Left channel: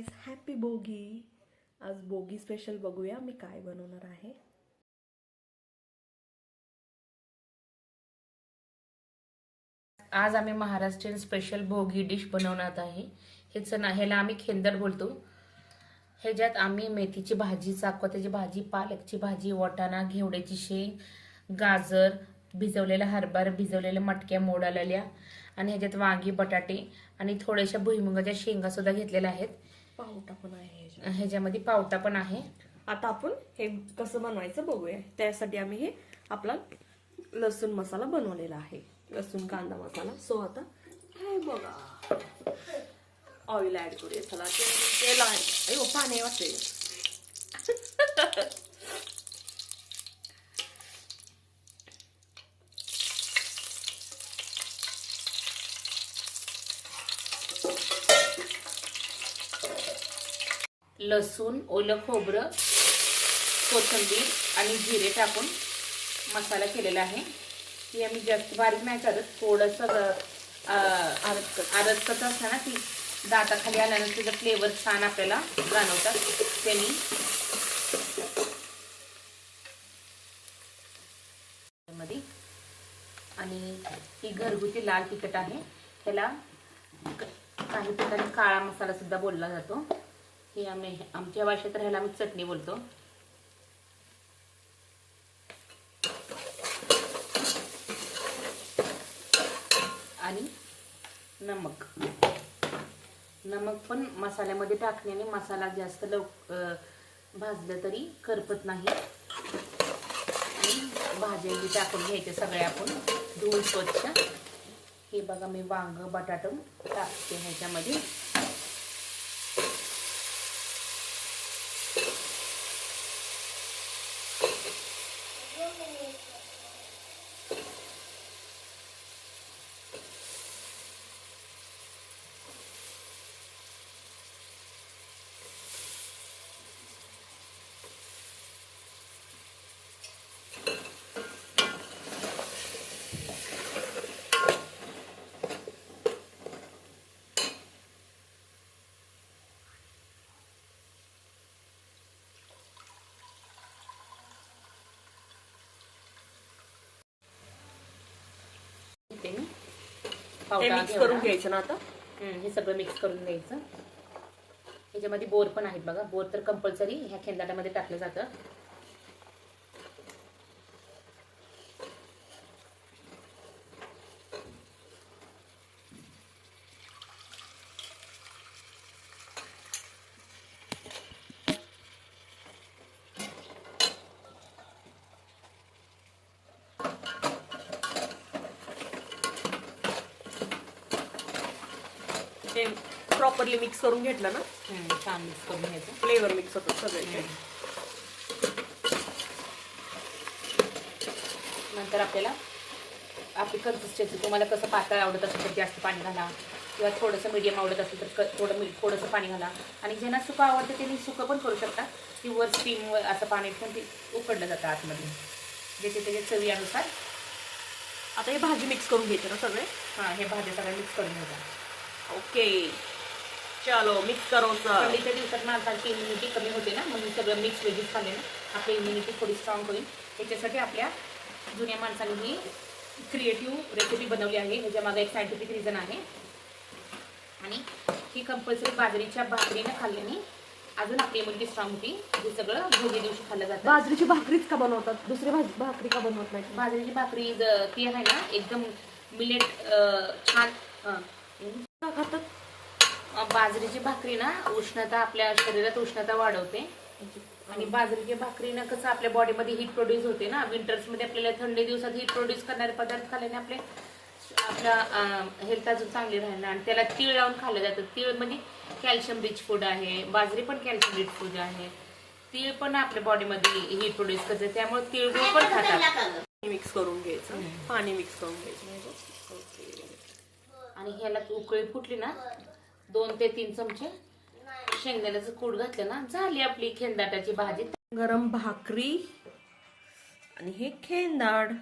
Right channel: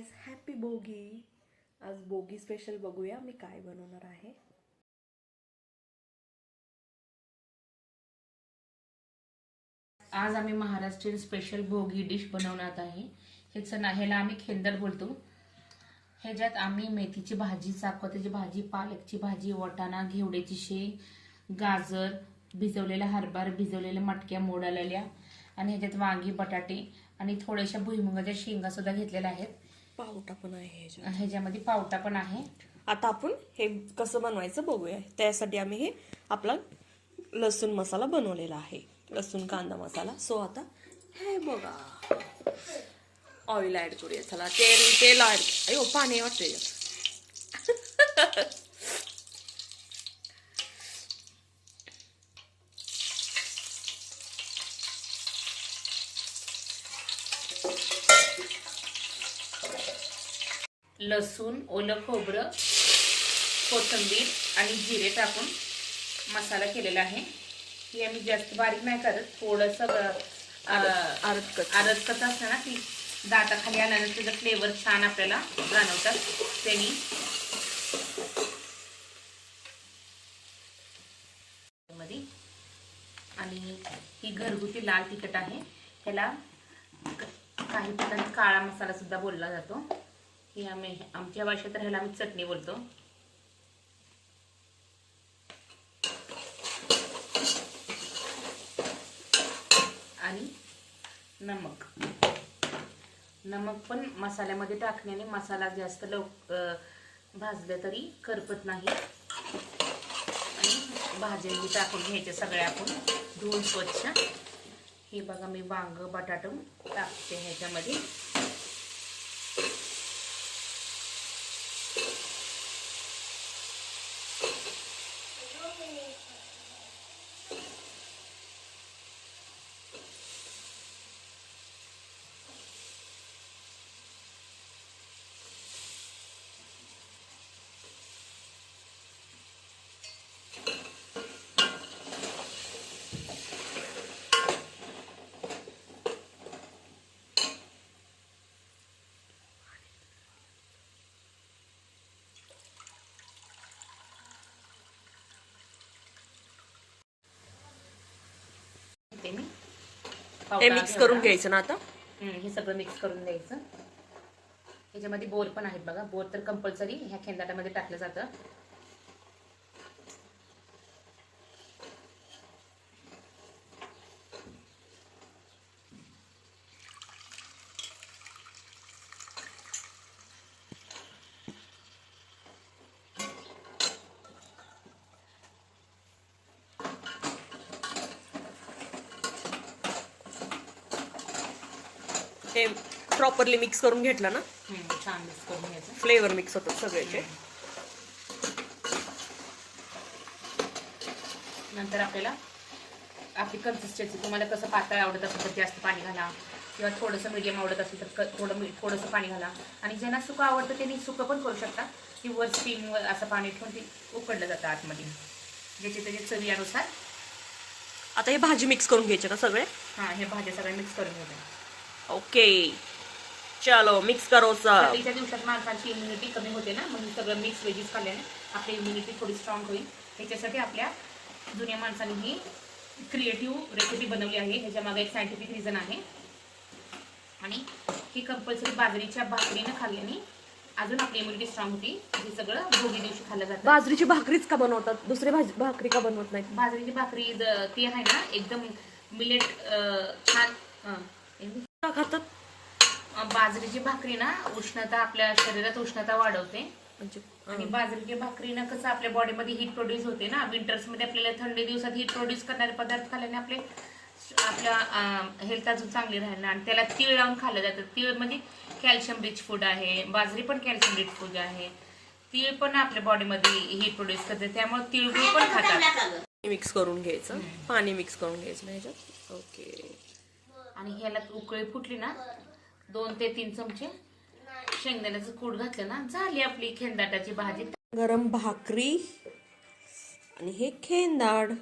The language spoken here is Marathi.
Guys, happy bogie. आज बोगी स्पेशल बघूया मी काय बनवणार आहे. आज आम्ही महाराष्ट्रीयन स्पेशल भोगी डिश बनवणार आहे. ह्याला आम्ही खेंदड बोलतो. ह्याच्यात आम्ही मेथीची भाजी, चाकवत्याची भाजी, पालकची भाजी, वाटाणा, घेवड्याची शेंग, गाजर, भिजवलेला हरभरा, भिजवलेल्या मटक्या मोडालेल्या आणि ह्याच्यात वांगी, बटाटे आणि थोड्याशा भुईमुगाच्या शेंगा सुद्धा घेतलेल्या आहेत. पावटा पण आहे ह्याच्यामध्ये पावटा पण आहे. आता आपण हे कसं बनवायचं बघूया. त्यासाठी आम्ही हे आपला लसूण मसाला बनवलेला आहे, लसूण कांदा मसाला. सो आता हे बघा, ऑइल ऍड करूया. चला तेल ऍड. अयो पाणी वाटतंय. लसूण, ओलं खोबरं, कोथिंबीर आणि जिरे टाकून मसाला केलेला आहे. ही आम्ही जास्त बारीक नाही करत, थोडंसं आरसकत असतं ना, ती दाताखाली आल्यानंतर त्याचा फ्लेवर छान आपल्याला जाणवतात त्यांनी. आणि ही घरगुती लाल तिखट आहे. ह्याला काही ठिकाणी काळा मसाला सुद्धा बोलला जातो. ही आमच्या भाषेत ह्याला आम्ही चटणी बोलतो. आणि नमक पण मसाल्यामध्ये टाकण्याने मसाला जास्त भाजलं तरी करपत नाही. आणि भाज्या टाकून घ्यायचे सगळ्या आपण धुवून स्वच्छ. हे बघा, मी वांग, बटाटा टाकते ह्याच्यामध्ये. हे मिक्स करून घ्यायचं ना. आता हे सगळं मिक्स करून द्यायचं. ह्याच्यामध्ये बोर पण आहेत बघा. बोर तर कंपल्सरी ह्या खेंदाट्यामध्ये टाकलं जातं. हे प्रॉपरली मिक्स करून घेतलं ना, छान मिक्स करून घ्यायचं. फ्लेवर मिक्स होतो सगळे. नंतर आपल्याला आपली कन्सिस्टन्सी, तुम्हाला कसं पातळ आवडत असेल तर जास्त पाणी घाला, किंवा थोडंसं मीडियम आवडत असेल तर थोडंसं पाणी घाला. आणि ज्यांना सुकं आवडतं त्यांनी सुकं पण करू शकता. की वर स्टीमवर असं पाणी ठेवून ते उकडलं जातं आतमध्ये, ज्याच्या त्याच्या चवीनुसार. आता हे भाजी मिक्स करून घ्यायचे ना सगळे. हां, हे भाज्या सगळ्या मिक्स करून घ्यायच्या. ओके, चलो मिक्स करो. थंडीच्या दिवसात माणसांची इम्युनिटी कमी होते ना, मग सगळं मिक्स व्हेजीस खाल्ले ना आपली इम्युनिटी थोडी स्ट्रॉंग होईल. त्याच्यासाठी आपल्या जुन्या माणसांनी ही क्रिएटिव्ह रेसिपी बनवली आहे. ह्याच्या मागे एक सायंटिफिक रिझन आहे. आणि ही कंपल्सरी बाजरीच्या भाकरीने खाल्ल्याने अजून आपली इम्युनिटी स्ट्रॉंग होती. हे सगळं भोगी दिवशी खाल्लं जातं. बाजरीची भाकरीच का बनवतात, दुसरी भाकरी का बनवत नाही? बाजरीची भाकरी ती आहे ना, एकदम मिलेट छान का खातात. बाजरीची भाकरी ना उष्णता, आपल्या शरीरात उष्णता वाढवते. आणि बाजरीच्या भाकरीनं कसं आपल्या बॉडीमध्ये हीट प्रोड्यूस होते ना. विंटर्समध्ये आपल्याला थंडी दिवसात हीट प्रोड्यूस करणारे पदार्थ खाल्ल्याने आपल्या हेल्थ अजून चांगली राहणार. आणि त्याला तीळ लावून खाल्लं जातं. तीळ मध्ये कॅल्शियम रिच फूड आहे. बाजरी पण कॅल्शियम रिच फूड आहे. तीळ पण आपल्या बॉडीमध्ये हीट प्रोड्यूस करते, त्यामुळे तिळगुळ पण खातात. मिक्स करून घ्यायचं, पाणी मिक्स करून घ्यायचं. ओके. आणि ह्याला उकळी फुटली ना, 2 ते 3 चमचे शेंगदाण्याचं कूट घातलं ना, झाली आपली खेंदाटाची भाजी. गरम भाकरी आणि हे खेंदाड.